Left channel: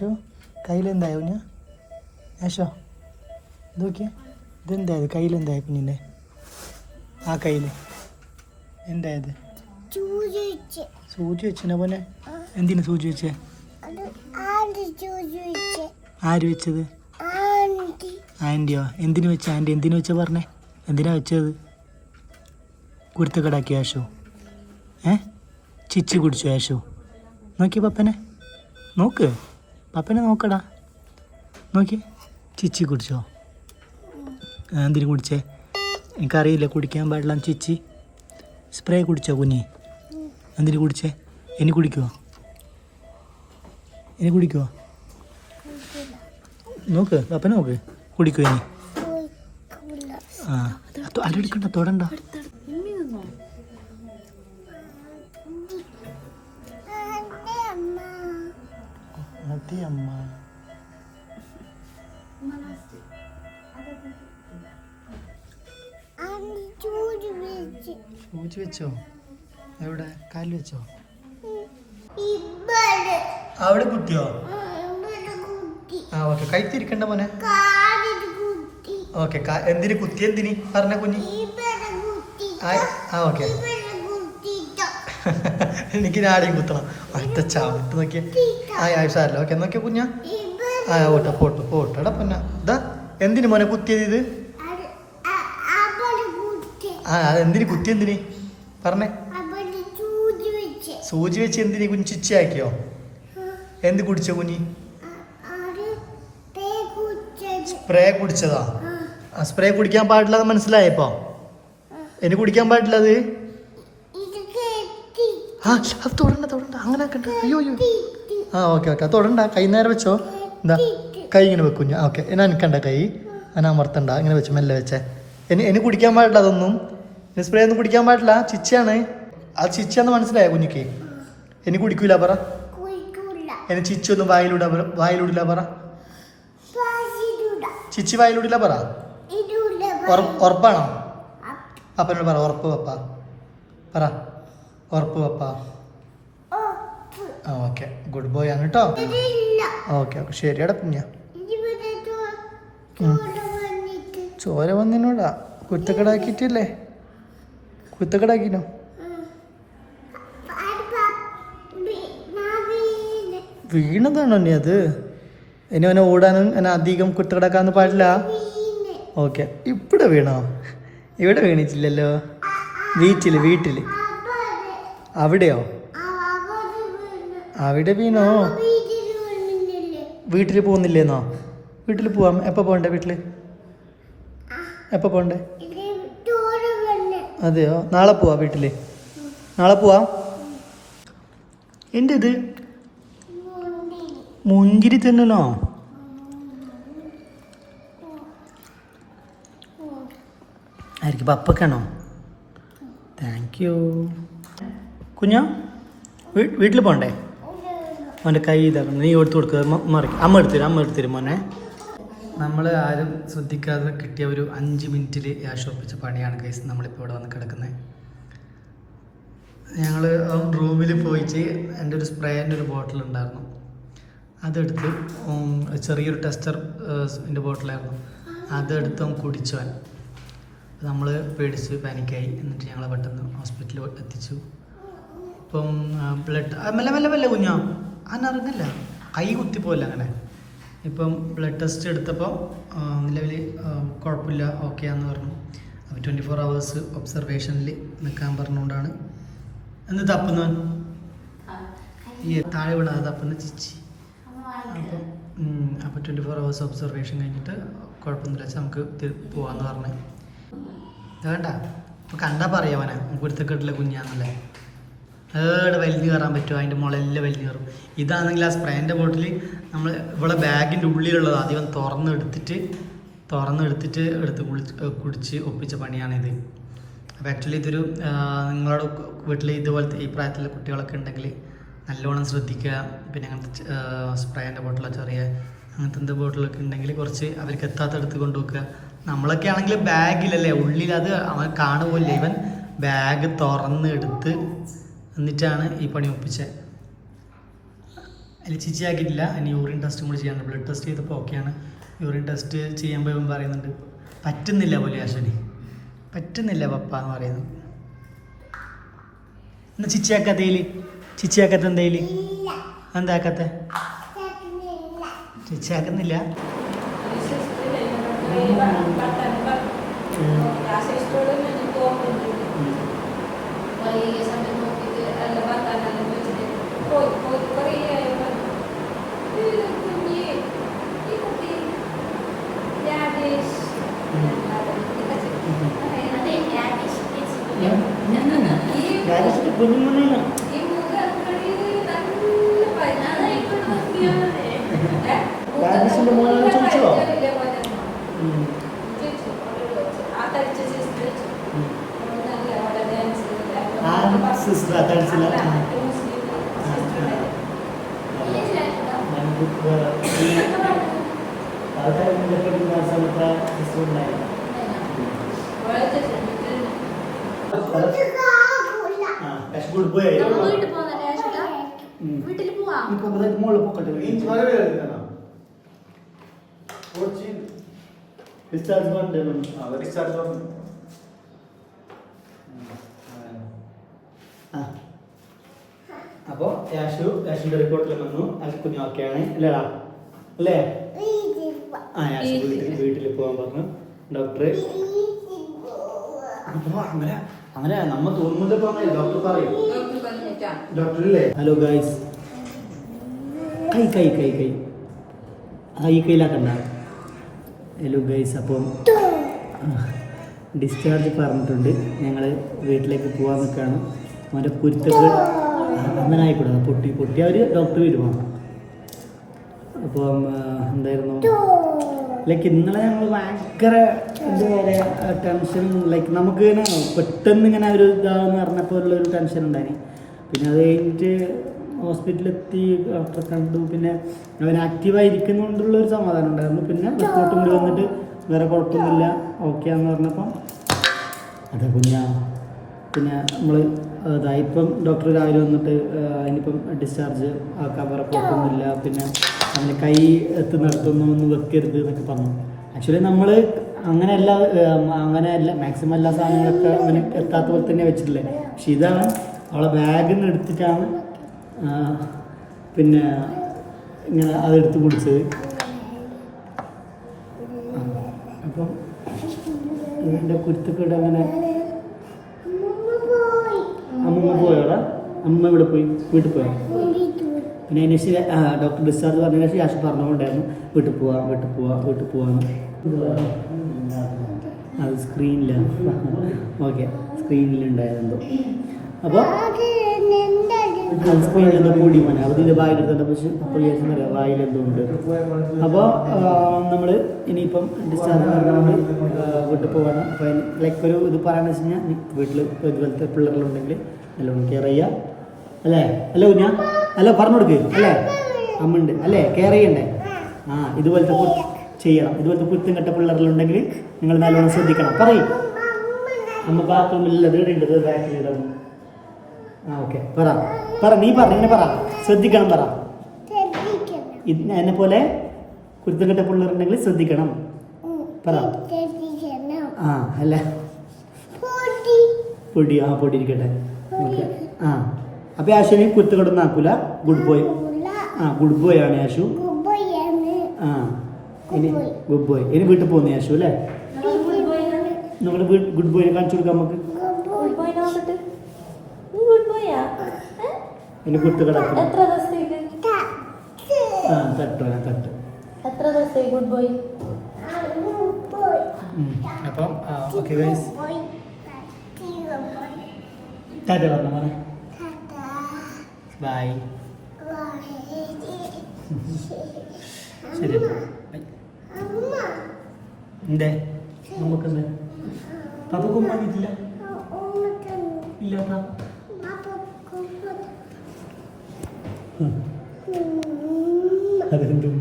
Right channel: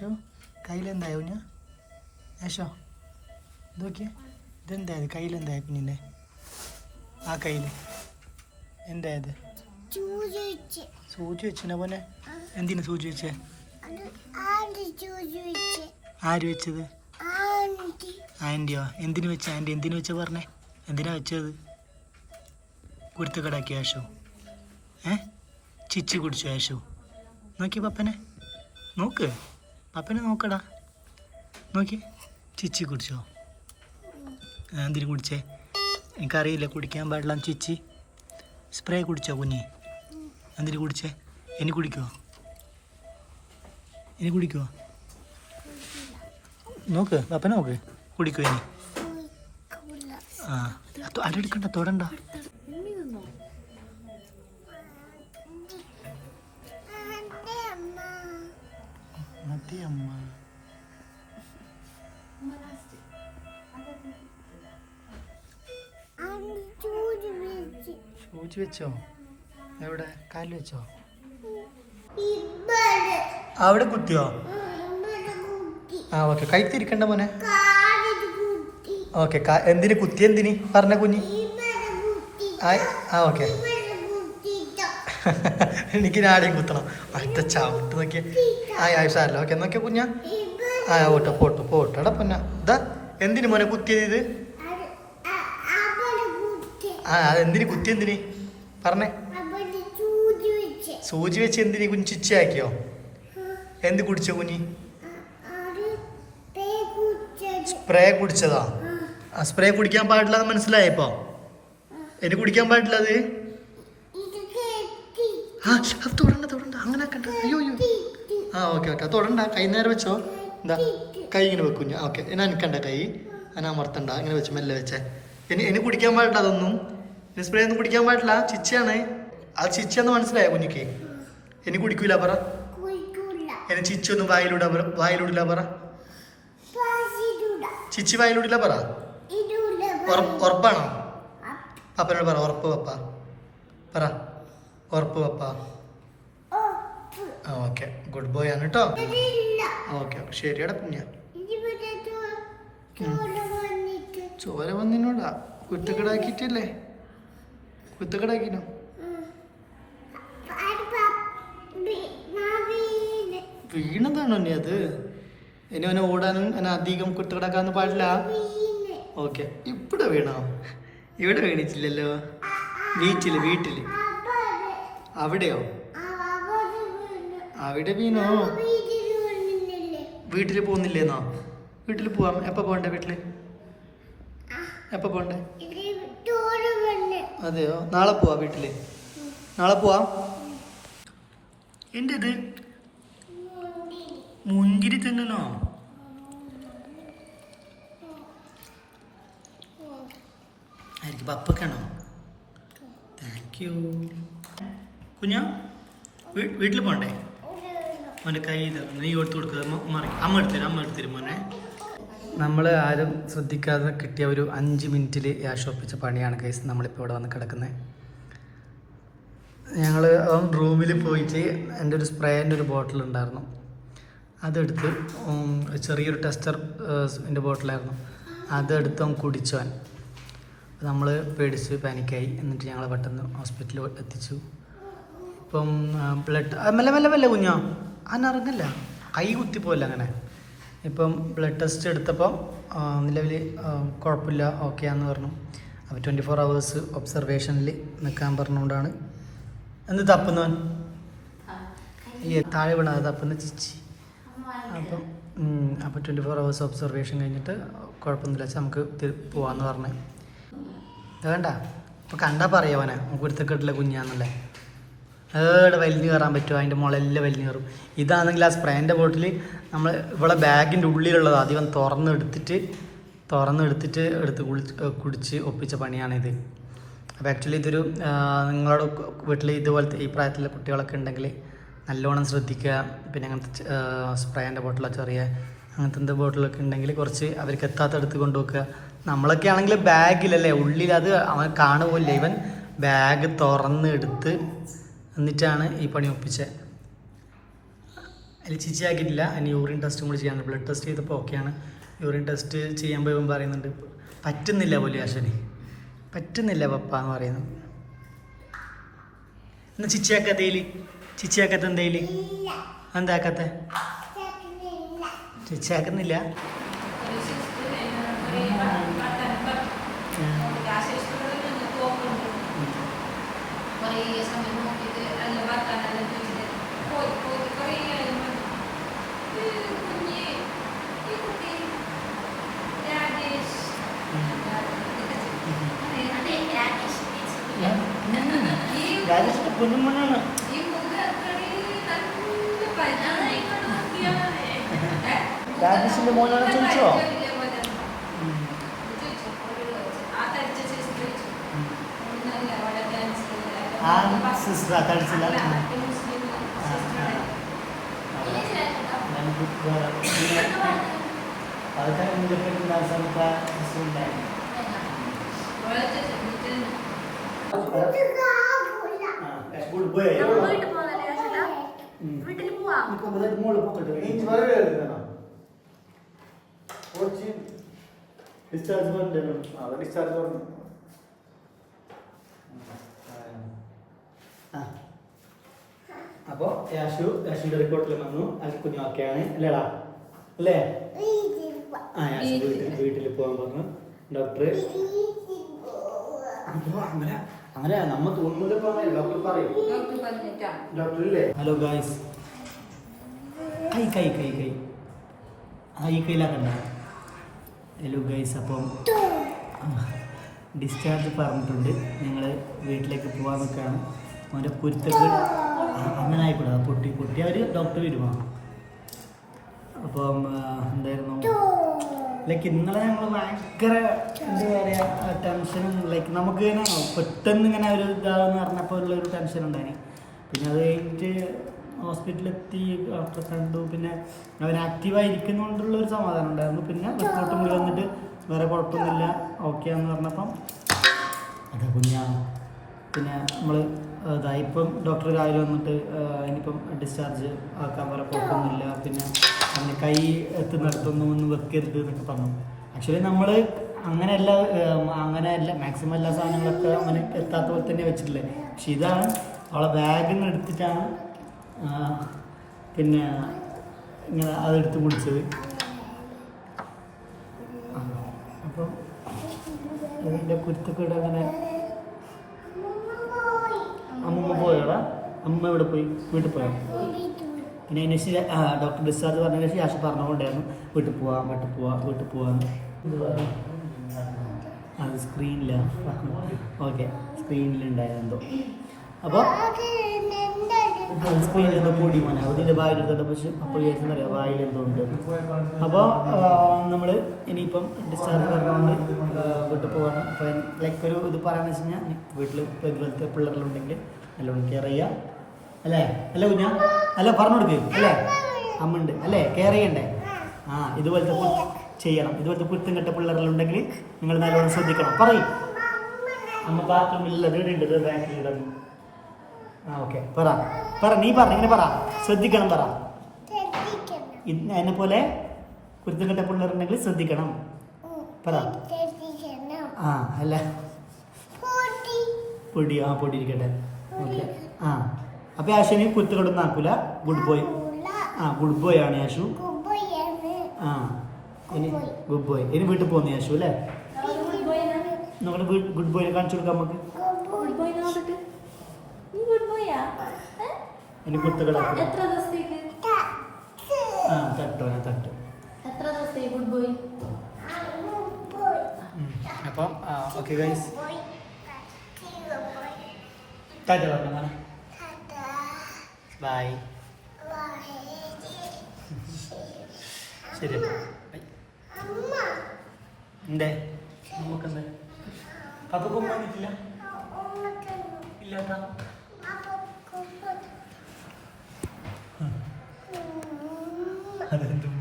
ആശു കയ്യിലെന്തായോ ഞാൻ ആശോ നോക്കിയേ ഇതെന്തായത് കയ്യിലെന്തായ പിന്നില്ലേ ആ കയ്യിൽ എന്തായത് സൂചി വെച്ചിനെ പോലെ എന്തിനു സൂചി വെച്ചേ ആര് വെച്ചത് ആൻറ്റിയോ എന്തിനു വെച്ച ആൻറ്റി എന്തിനു വെച്ച പറഞ്ഞേ എന്തിനാ വെച്ചത് കുരുത്തക്കടാക്കി ആശു ചിച്ചി കുടിച്ചു ആശു നോക്കി പപ്പനെ നോക്ക് പപ്പനെ നോക്കടാ നോക്കി ചിച്ചി കുടിച്ചോ എന്തിനു കുടിച്ചേ എനിക്കറിയില്ല കുടിക്കാൻ പാടില്ല ചിച്ചി സ്പ്രേ കുടിച്ചോ കുഞ്ഞി എന്തിനു കുടിച്ചേ ഇനി കുടിക്കുമോ ഇനി കുടിക്കുമോ നോക്ക് പപ്പനെ നോക്ക് കുടിക്കുമോ ഇനി ആ അല്ലെടുക്കണ്ട തൊടണ്ട മതി അമ്മ സൂചി വെച്ചോ എവിടെ കാലിൽ വെച്ചോ അവിടെ കുത്തിയോ ആ ഓക്കെ കൈത്തിരിക്കണ്ട മോനെ ഓക്കെ എന്തിന് കുത്തി എന്തിന് പറഞ്ഞ കുഞ്ഞി ആ ഓക്കെ എനിക്ക് ആരെയും കുത്തണം ഒറ്റ ചവിട്ട് നോക്കിയേ സാരല്ല ഓക്കെ നോക്കിയാ കുഞ്ഞാ ഓട്ടോ പോട്ടോടാ പൊന്ന ഇതാ എന്തിന് മോനെ കുത്തിയത് ഇത് എന്തിന് കുത്തി എന്തിന് പറഞ്ഞേ സൂചി വെച്ച് എന്തിന് കുഞ്ഞ് ചിച്ചയാക്കിയോ എന്ത് കുടിച്ചോ കുഞ്ഞി സ്പ്രേ കുടിച്ചതാ സ്പ്രേ കുടിക്കാൻ പാടില്ല മനസ്സിലായപ്പോ എന്നെ കുടിക്കാൻ പാടില്ല അത് തൊടണ്ട അങ്ങനെ അയ്യോ ഓക്കെ തൊടണ്ട കൈ നേരെ വെച്ചോ എന്താ കൈ ഇങ്ങനെ വെക്കുഞ്ഞ ഓക്കെ എന്നെ എനിക്കണ്ട കൈ എന്നെ അമർത്തണ്ട ഇങ്ങനെ വെച്ച് മെല്ലെ വെച്ചേ ഇനി കുടിക്കാൻ പാടില്ല അതൊന്നും സ്പ്രേ ഒന്നും കുടിക്കാൻ പാടില്ല ചിച്ചയാണ് ആ ചിച്ചന്ന് മനസ്സിലായോ കുഞ്ഞിക്ക് ഇനി കുടിക്കൂല പറ എന്നെ ചിച്ചൊന്നും വായിലൂടില്ല പറ ചിച്ചി വായിലൂടില്ല പറ ഉറപ്പാണോ പപ്പനോട് പറ ഉറപ്പ് പപ്പ പറ ഉറപ്പ് പപ്പ ആ ഓക്കെ ഗുഡ് ബോയ് ആണ് കേട്ടോ ഓക്കെ ശരിയാടാ കുഞ്ഞ ചോര വന്നിനോടാ കുത്തക്കടാക്കിട്ടില്ലേ കുത്തക്കടാക്കിനോ വീണതാണോ നീ അത് ഇനി അവനെ ഓടാനും എന്നെ അധികം കുത്തക്കടാക്കാന്ന് പാടില്ല ഓക്കെ ഇവിടെ വീണോ ഇവിടെ വീണിട്ടില്ലല്ലോ വീട്ടില് അവിടെയോ അവിടെ വീണോ വീട്ടിൽ പോകുന്നില്ലേന്നോ വീട്ടിൽ പോവാം എപ്പോൾ പോകണ്ടേ വീട്ടിൽ എപ്പോൾ പോകണ്ടേ അതെയോ നാളെ പോവാ വീട്ടിൽ നാളെ പോവാം എൻ്റെ ഇത് മുന്തിരി തിന്നണോ ആയിരിക്കും പപ്പക്കാണോ താങ്ക് യു കുഞ്ഞാ വീട്ടിൽ പോകണ്ടേ അവൻ്റെ കൈ ഇതാക്കണം നീ എടുത്ത് കൊടുക്കുക അമ്മ എടുത്തരും മോനെ നമ്മൾ ആരും ശ്രദ്ധിക്കാതെ കിട്ടിയ ഒരു 5 മിനിറ്റിൽ യാശോപ്പിച്ച പണിയാണ് ഗൈസ് നമ്മളിപ്പോൾ ഇവിടെ വന്ന് കിടക്കുന്നത് ഞങ്ങൾ റൂമിൽ പോയിട്ട് എൻ്റെ ഒരു സ്പ്രേൻ്റെ ഒരു ബോട്ടിൽ ഉണ്ടായിരുന്നു അതെടുത്ത് ചെറിയൊരു ടെസ്റ്ററിൻ്റെ ബോട്ടിലായിരുന്നു അതെടുത്ത് അവൻ കുടിച്ചവൻ നമ്മൾ പേടിച്ച് പാനിക്കായി എന്നിട്ട് ഞങ്ങൾ പെട്ടെന്ന് ഹോസ്പിറ്റലിൽ എത്തിച്ചു ഇപ്പം ബ്ലഡ് മെല്ലെ കുഞ്ഞോ അന്നറിഞ്ഞില്ല കൈ കുത്തിപ്പോയില്ല അങ്ങനെ ഇപ്പം ബ്ലഡ് ടെസ്റ്റ് എടുത്തപ്പോൾ നിലവിൽ കുഴപ്പമില്ല ഓക്കെയാന്ന് പറഞ്ഞു അപ്പോൾ 24 hours ഒബ്സർവേഷനിൽ നിൽക്കാൻ പറഞ്ഞുകൊണ്ടാണ് എന്ത് തപ്പുന്നവൻ ഈ താഴെ വീണത് തപ്പുന്ന ചിച്ചി അപ്പോൾ 24 hours ഒബ്സർവേഷൻ കഴിഞ്ഞിട്ട് കുഴപ്പമൊന്നുമില്ല വെച്ചാൽ നമുക്ക് പോവാമെന്ന് പറഞ്ഞു വേണ്ട ഇപ്പോൾ കണ്ടാൽ പറയാവനെ കുരുത്തക്കെട്ടിലെ കുഞ്ഞാന്നല്ലേ ഏടെ വലിഞ്ഞു കയറാൻ പറ്റുമോ അതിൻ്റെ മുളയെല്ലാം വലിഞ്ഞു കയറും ഇതാണെങ്കിൽ ആ സ്പ്രേൻ്റെ ബോട്ടിൽ നമ്മൾ ഇവിടെ ബാഗിൻ്റെ ഉള്ളിലുള്ളത് ആദ്യം തുറന്നെടുത്തിട്ട് കുടിച്ച് ഒപ്പിച്ച പണിയാണിത് അപ്പോൾ ആക്ച്വലി ഇതൊരു നിങ്ങളുടെ വീട്ടിൽ ഇതുപോലത്തെ ഈ പ്രായത്തിലുള്ള കുട്ടികളൊക്കെ ഉണ്ടെങ്കിൽ നല്ലോണം ശ്രദ്ധിക്കുക പിന്നെ അങ്ങനത്തെ സ്പ്രേൻ്റെ ബോട്ടിലോ ചെറിയ അങ്ങനത്തെ എന്ത് ബോട്ടിലൊക്കെ ഉണ്ടെങ്കിൽ കുറച്ച് അവർക്ക് എത്താത്തടുത്ത് കൊണ്ടുവെക്കുക നമ്മളൊക്കെ ആണെങ്കിൽ ബാഗിലല്ലേ ഉള്ളിൽ അത് അവൻ കാണുമല്ലേ ഇവൻ ബാഗ് തുറന്നെടുത്ത് എന്നിട്ടാണ് ഈ പണി ഒപ്പിച്ചത് അതിൽ ചിച്ചി ആക്കിയിട്ടില്ല. ഇനി യൂറിൻ ടെസ്റ്റും കൂടി ചെയ്യാനുണ്ട്. ബ്ലഡ് ടെസ്റ്റ് ചെയ്തപ്പോൾ ഓക്കെയാണ്. യൂറിൻ ടെസ്റ്റ് ചെയ്യുമ്പോൾ ഇവൻ പറയുന്നുണ്ട് പറ്റുന്നില്ല പോലെ അശ്വനി, പറ്റുന്നില്ല പപ്പ എന്ന് പറയുന്നു. എന്നാ ചിച്ചിയാക്കത്ത എന്തേല് എന്താക്കത്തെ ചിച്ചിയാക്കുന്നില്ല. കുഞ്ഞുമോനാണ്. രാജേഷിന്റെ മോനാണ് ചോദിച്ചോ? സിസ്റ്റർ തടിച്ചില്ല. അപ്പൊ യാഷിന്റെ റിപ്പോർട്ടിൽ വന്നു കുഞ്ഞു ഓക്കെയാണ് അല്ലേടാ അല്ലേ? ആ യാഷു വീട്ടിൽ പോകാൻ പറഞ്ഞു ഡോക്ടർ. അപ്പൊ അങ്ങനെ നമ്മ തോന്നുന്നില്ല പോകാൻ ഡോക്ടർ പറയും. ഡോക്ടർ ഇല്ലേ? ഹലോ ഗൈസ്, കൈ കൈ കൈ കൈ ഈ കയ്യിലാക്കണ്ട. ഹലോ ഗൈസ്, അപ്പം ഡിസ്ചാർജ് പറഞ്ഞിട്ടുണ്ട്. ഞങ്ങൾ വീട്ടിലേക്ക് പോകാൻ നിൽക്കുകയാണ്. അവൻ്റെ കുരുത്തൊക്കെ അങ്ങനെ ആയിക്കൂടാ, പൊട്ടി അവർ ഡോക്ടർ വരുവാ. അപ്പം എന്തായിരുന്നു ലൈക്ക് ഇന്നലെ ഞങ്ങൾ ഭയങ്കര എന്താ പറയുക ടെൻഷനും ലൈക്ക് നമുക്ക് ഇങ്ങനെ പെട്ടെന്ന് ഇങ്ങനെ ഒരു ഇതാണെന്ന് പറഞ്ഞപ്പോൾ ഉള്ളൊരു ടെൻഷൻ ഉണ്ടായി. പിന്നെ അത് കഴിഞ്ഞിട്ട് ഹോസ്പിറ്റലിലെത്തി ഡോക്ടറെ കണ്ടു. പിന്നെ അവൻ ആക്റ്റീവായിരിക്കുന്നതുകൊണ്ടുള്ളൊരു സമാധാനം ഉണ്ടായിരുന്നു. പിന്നെ റിപ്പോർട്ടും കൂടി വന്നിട്ട് വേറെ കുഴപ്പമൊന്നുമില്ല ഓക്കെയാന്ന് പറഞ്ഞപ്പം അതെ കുഞ്ഞാ. പിന്നെ നമ്മൾ ഇപ്പം ഡോക്ടർ രാവിലെ വന്നിട്ട് ഇനിയിപ്പം ഡിസ്ചാർജ് ആക്കാൻ പറ, കുഴപ്പമൊന്നുമില്ല. പിന്നെ അവന് കൈ എത്തുന്നിടത്തൊന്നും ഒന്നും വെക്കരുത് എന്നൊക്കെ പറഞ്ഞു. ആക്ച്വലി നമ്മൾ അങ്ങനെയല്ല മാക്സിമം എല്ലാ സാധനങ്ങളൊക്കെ അവന് എത്താത്ത പോലെ തന്നെ വെച്ചിട്ടില്ലേ. പക്ഷെ ഇതാണ് അവളെ ബാഗിൽ നിന്ന് എടുത്തിട്ടാണ് പിന്നെ ഇങ്ങനെ അതെടുത്ത് കുടിച്ചത്. അപ്പം ഇതിൻ്റെ കുരുത്തക്കേട് അങ്ങനെ. അമ്മമ്മ പോയോടാ? അമ്മ ഇവിടെ പോയി? വീട്ടിൽ പോയോ? പിന്നെ അതിന് ശേഷം ഡോക്ടർ ഡിസ്ചാർജ് പറഞ്ഞതിന് ശേഷം യാഷ് പറഞ്ഞുകൊണ്ടായിരുന്നു വീട്ടിൽ പോവാന്ന്. അത് സ്ക്രീനിലാണ്. ഓക്കെ, സ്ക്രീനിലുണ്ടായതെന്തോ. അപ്പോൾ അത് സ്ക്രീനിലെന്തോ പൊടി മോനെ അപ്പോൾ ഇതിൻ്റെ വായിലെടുത്തുണ്ട്. പക്ഷെ അപ്പോൾ വിചാരിച്ചെന്നറിയാം വായിലെന്തോ ഉണ്ട്. അപ്പോൾ നമ്മൾ ഇനിയിപ്പം ഡിസ്ചാർജ് പറഞ്ഞുകൊണ്ട് വീട്ടിൽ പോവാണ്. അപ്പോൾ ലൈക്ക് ഒരു ഇത് പറയാമെന്ന് വെച്ച് കഴിഞ്ഞാൽ വീട്ടിൽ ഇതുപോലത്തെ പിള്ളേരുണ്ടെങ്കിൽ നല്ലോണം കെയർ ചെയ്യുക അല്ലേ? അല്ലേ കുഞ്ഞാ? അല്ല പറഞ്ഞു കൊടുക്ക് അല്ലേ? അമ്മ ഉണ്ട് അല്ലേ? കെയർ ചെയ്യണ്ടേ? ഇതുപോലത്തെ ചെയ്യണം. ഇതുപോലത്തെ കുത്തും കെട്ട പിള്ളേരുണ്ടെങ്കിൽ നിങ്ങൾ നല്ലോണം ശ്രദ്ധിക്കണം. പറയും അമ്മ ബാത്റൂമിലുള്ളത് ഇടേണ്ടത് ബാക്കിൽ ഇടണം. ഓക്കെ, പറ നീ ഇങ്ങനെ പറ. ശ്രദ്ധിക്കണം പറ. എന്നെ പോലെ കുരുത്തം കെട്ട പിള്ളേരുണ്ടെങ്കിൽ ശ്രദ്ധിക്കണം പറ. അല്ല പൊടി പൊടി ഇരിക്കട്ടെ. ഓക്കെ. അപ്പൊ ആശുവിന് കുരുത്തക്കെട്ടൊന്നും ആക്കൂല. Good boy. ഗുഡ് ബോയ് ആണ് ആശു. ഇനി ഗുഡ് ബോയ്. ഇനി വീട്ടിൽ പോകുന്നു ആശു അല്ലേ? നമ്മൾ ഗുഡ് ബോയ് കാണിച്ചു കൊടുക്കാം നമുക്ക്. ഇനി കുരുത്തക്കെടാക്കും. തട്ട്. അപ്പം ഓക്കെ ഗൈസ്, ടാറ്റ പറഞ്ഞ മോനെ. ബൈ. ശരി എന്തേ നമുക്കെന്തേ പപ്പക്ക് ഉമ്മ കിട്ടില്ല? ഇല്ലാട്ടാ. അതെന്തും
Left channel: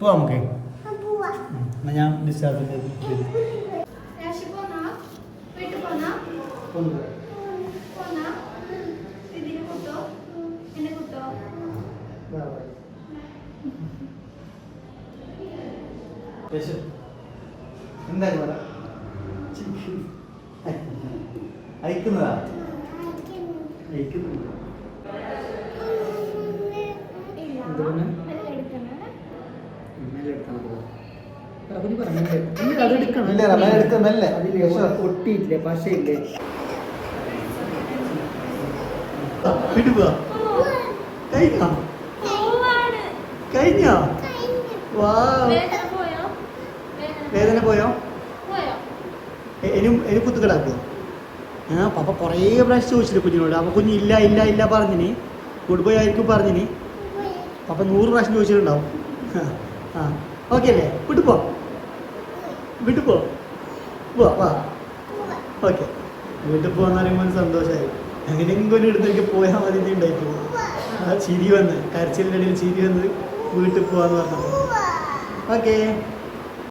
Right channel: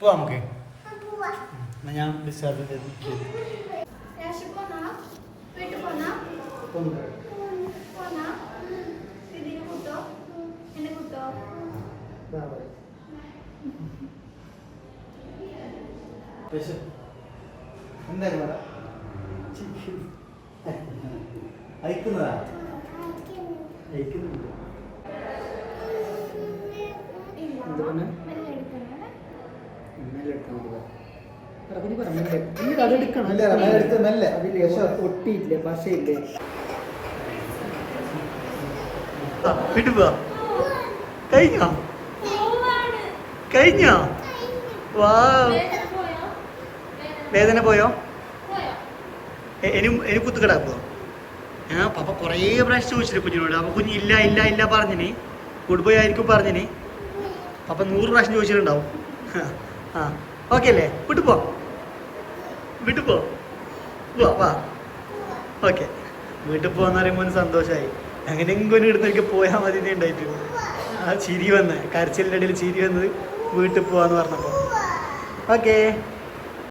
പോവാം നമുക്ക്. എന്നാ ഞാൻ ഡിസ്ചാർജിൻ്റെ എന്തായാലും പറ അയക്കുന്നതാ അയക്കുന്നുണ്ട് എന്തുകൊണ്ട് ഒട്ടിയില്ലേ പശയില്ലേ വിടുവാ കഴിഞ്ഞോ കഴിഞ്ഞോ വാ വേദന പോയോ ഇനി കുത്തു കിടക്കുമോ പപ്പ കുറേ പ്രാവശ്യം ചോദിച്ചില്ല കുഞ്ഞിനോട് അപ്പൊ കുഞ്ഞ് ഇല്ല ഇല്ല ഇല്ല പറഞ്ഞിന് ഗുഡ് ബൈ ആയിരിക്കും പറഞ്ഞിന് പപ്പ 100 പ്രാവശ്യം ചോദിച്ചിട്ടുണ്ടാവും ആ ഓക്കെ അല്ലേ വിട്ടുപോ വിട്ടുപോ പോവാ വാ ഓക്കെ വീട്ടിൽ പോകാന്ന് പറയുമ്പോൾ സന്തോഷമായി എങ്ങനെയെങ്കിലും ഇടുന്നേക്ക് പോയാൽ മതി ഉണ്ടായിട്ട് ആ ചിരി വന്ന് കരച്ചിലിൻ്റെ ഇടയിൽ ചിരി വന്നത് വീട്ടിൽ പോവാന്ന് പറഞ്ഞപ്പോൾ ഓക്കേ